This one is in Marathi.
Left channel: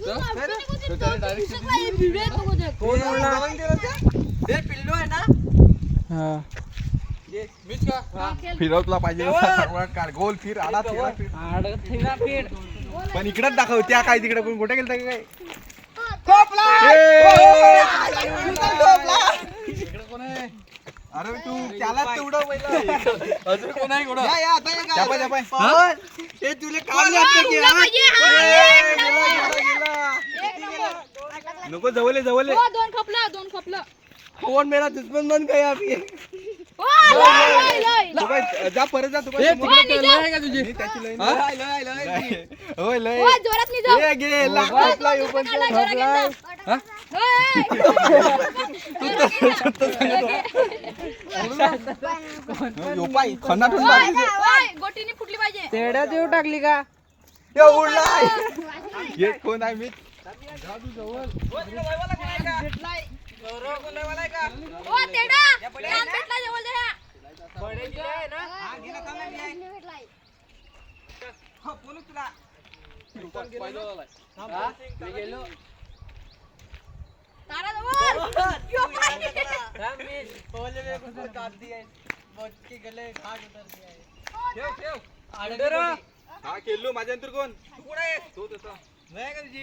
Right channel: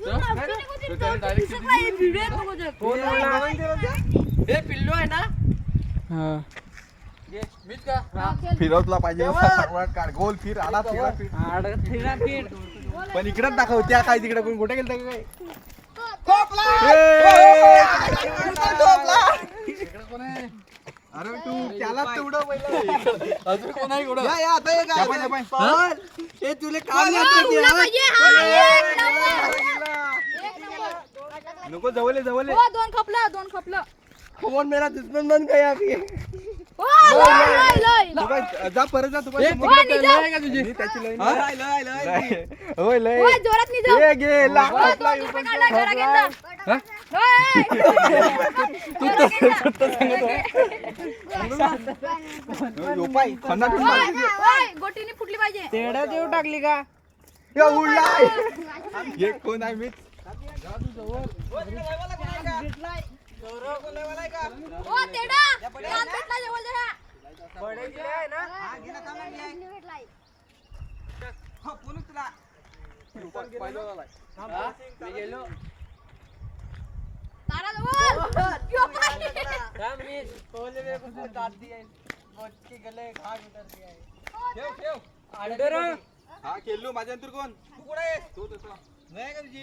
पिल्लू आहे ना फिरव तुला पाहिजे गोल फिर आला पण इकडेच दाखव त्या काय तिकडे कोण कुठे गेलं काय अरे तू त्याला तेवढं अजून कोण आहे तुला काम नको जवळ दोन खपलं फोन मेरा दुश्मन बन गया अभी जा परत जा तुझी जोरात गोटीने फुटली पाहिजे तेड्या देऊ टाकली का कोण आहे मी हा खेळलो माझ्या नंतर कोण तू कुठे आहे तू तसा नाही का तुझी